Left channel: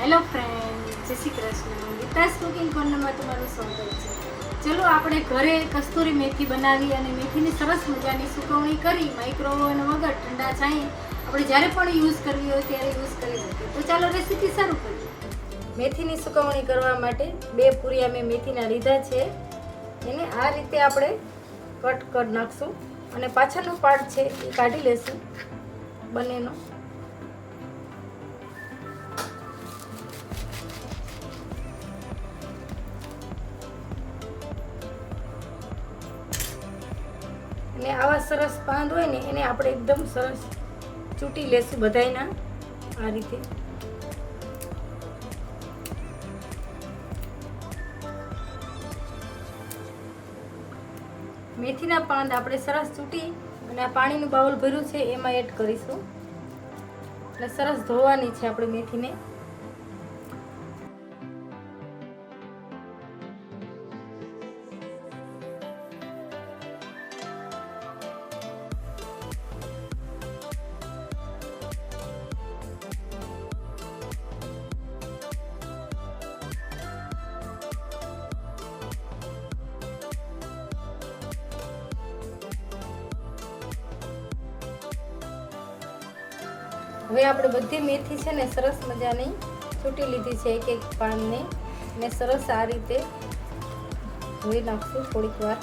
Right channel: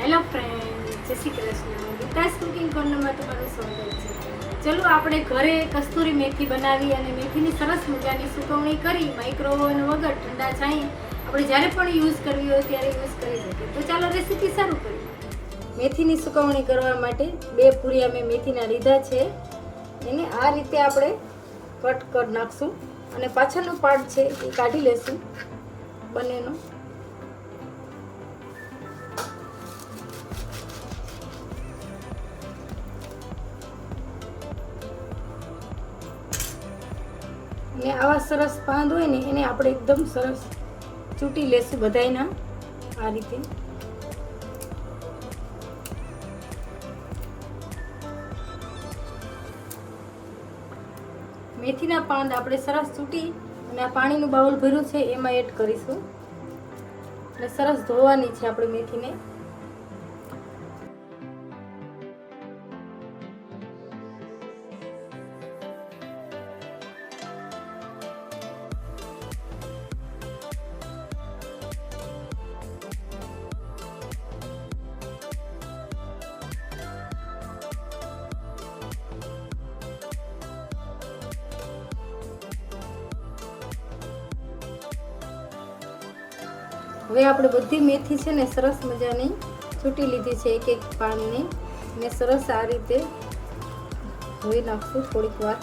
Hello friend Jai Shri Krishna. Gita's cooking કોર્નરમાં તમારું સ્વાગત છે. ચલો આપણે ઘરે કસ્તુરી મેથી બનાવી અને મેથીની સરસ મજાની સુકવણી કરી માઇક્રોવેવ વગર ઠંડા છાંય આપણે જ્યારે પણ યુઝ કરવી હોય ત્યારે યુઝ કરી શકીએ. તો ચાલો રેસીપી શરૂ કરીએ. મેથીની સુકવણી કરવા માટે બે પૂરિયા મેં મેથીના લીધા છે. એને આ રીતે આપણે કટ કરી નાખશું અને પાછળનો પાર્ટ છે એ કાઢી લેશું બંનેનો. અને આવા સરસ પાંદ હોય ને, એને આપણે એકદમ સરસ ચૂંટી લેશું બધાયના આ રીતે. મેથીના પાંદ આપણે સરસ ચૂંટી અને આ પાણીનું બાઉલ ભર્યું છે, એમાં એડ કરીશું. અને સરસ ધોવાની છે આપણે મેથીને. હવે આપણે બધી મેથી છે ને સરસ મજાની છૂટી લીધી છે એક એક પાનને. ને સરસ આ રીતે ધોઈ નાખશું થોડીક વાર.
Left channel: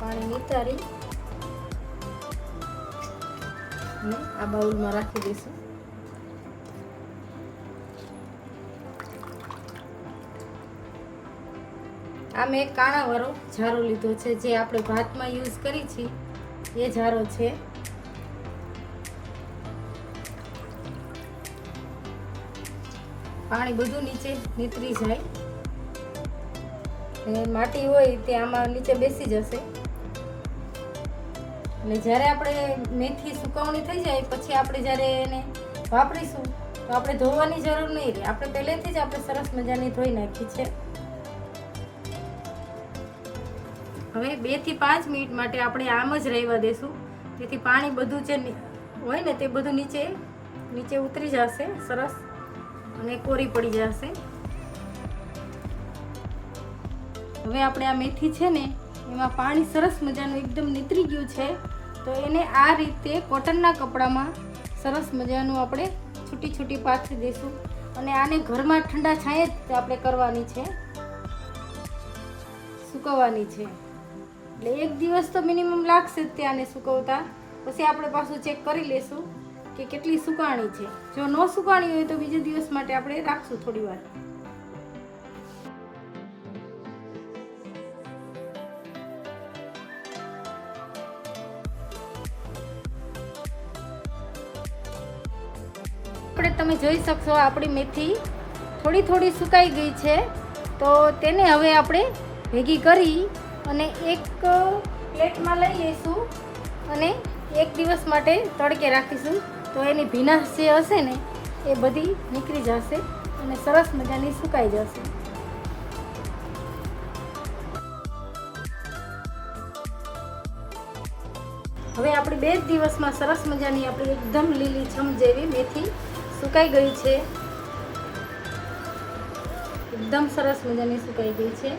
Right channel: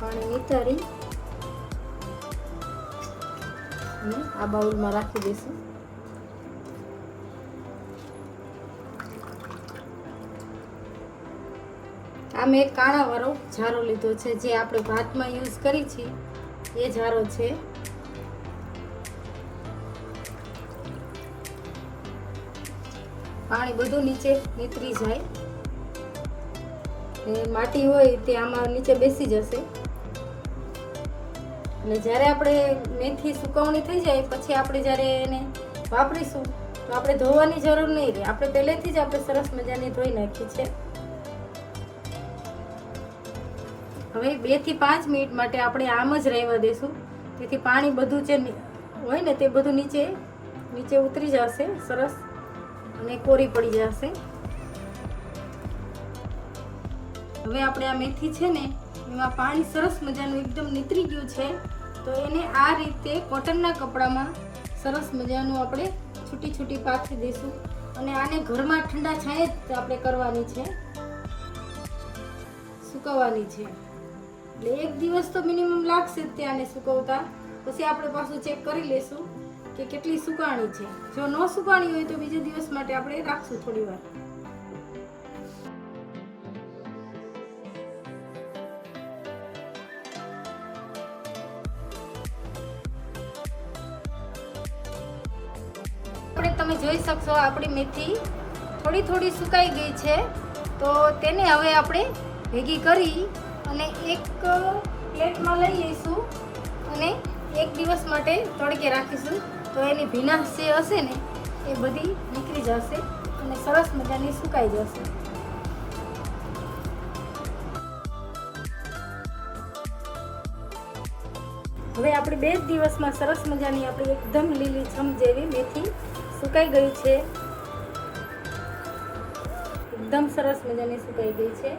પાણી નીતારી અને આ બાઉલમાં રાખી દઈશું. આ મેં કાણાવાળો ઝારો લીધો છે, જે આપણે ભાતમાં યુઝ કરી છીએ. એ ઝારો છે. પાણી બધું નીચે નીતરી જાય. અને માટી હોય તે આમાં નીચે બેસી જશે. અને જ્યારે આપણે મેથી સુકવણી થઈ જાય, પછી આપણે જ્યારે એને વાપરીશું, તો આપણે ધોવાની જરૂર નહીં રહે. આપણે પહેલેથી જ આપણે સરસ મજાની ધોઈ નાખી છે. હવે બેથી પાંચ મિનિટ માટે આપણે આમ જ રહેવા દેશું. તેથી પાણી બધું જે હોય ને તે બધું નીચે નીચે ઉતરી જશે, સરસ. અને કોરી પડી જશે. હવે આપણે આ મેથી છે ને, એમાં પાણી સરસ મજાનું એકદમ નીતરી ગયું છે. તો એને આ રીતે કોટનના કપડામાં સરસ મજાનું આપણે છૂટી છૂટી પાથરી દઈશું. અને આને ઘરમાં ઠંડા છાંયે જ આપણે કરવાની છે. સુકવવાની છે. એટલે એક દિવસ તો મિનિમમ લાગશે જ ત્યાંને સુકવતા. પછી આપણે પાછું ચેક કરી લેશું કે કેટલી સુકાણી છે. જો ન સુકાણી હોય તો બીજા દિવસ માટે આપણે રાખશું થોડી વાર. આપણે તમે જોઈ શકશો આપણી મેથી થોડી થોડી સુકાઈ ગઈ છે. તો તેને હવે આપણે ભેગી કરી અને એક પ્લેટમાં લઈ જઈશું અને એક દિવસ માટે તડકે રાખીશું. તો એની ભીનાશ જે હશે ને, એ બધી નીકળી જશે અને સરસ મજાની સુકાઈ જશે. હવે આપણે બે જ દિવસમાં સરસ મજાની આપણી એકદમ લીલી છમ જેવી મેથી સુકાઈ ગઈ છે. એકદમ સરસ મજાની સુકાઈ ગઈ છે.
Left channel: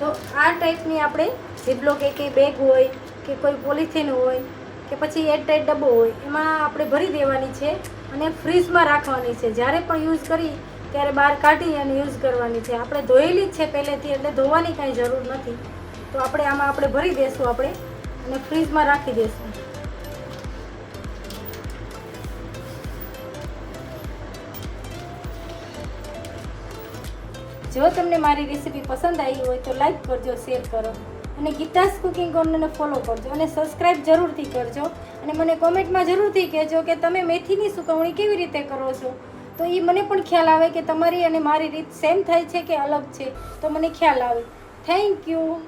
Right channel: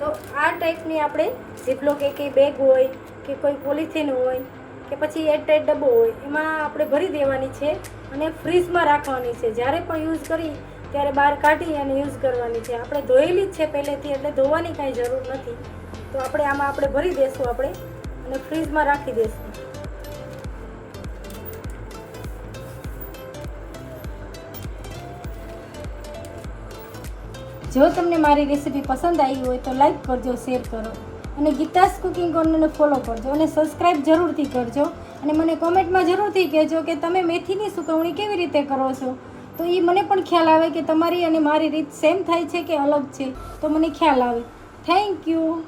તો આ ટાઈપની આપણે ઝીપલો કે કંઈ બેગ હોય કે કોઈ પોલિથીન હોય કે પછી એરટાઈટ ડબ્બો હોય, એમાં આપણે ભરી દેવાની છે અને ફ્રીજમાં રાખવાની છે. જ્યારે પણ યુઝ કરી ત્યારે બહાર કાઢી અને યુઝ કરવાની છે. આપણે ધોયેલી જ છે પહેલેથી, એટલે ધોવાની કાંઈ જરૂર નથી. તો આપણે આમાં આપણે ભરી દઈશું આપણે અને ફ્રીજમાં રાખી દઈશું જો તમને મારી રેસીપી પસંદ આવી હોય તો લાઈક કરજો શેર કરો. અને ગીતાસ કુકિંગ કોર્નરને ફોલો કરજો અને સબસ્ક્રાઈબ જરૂરથી કરજો. અને મને કોમેન્ટમાં જરૂરથી કહેજો કે તમે મેથીની સુકવણી કેવી રીતે કરો છો? તો એ મને પણ ખ્યાલ આવે કે તમારી અને મારી રીત સેમ થાય છે કે અલગ છે? તો મને ખ્યાલ આવે. Thank you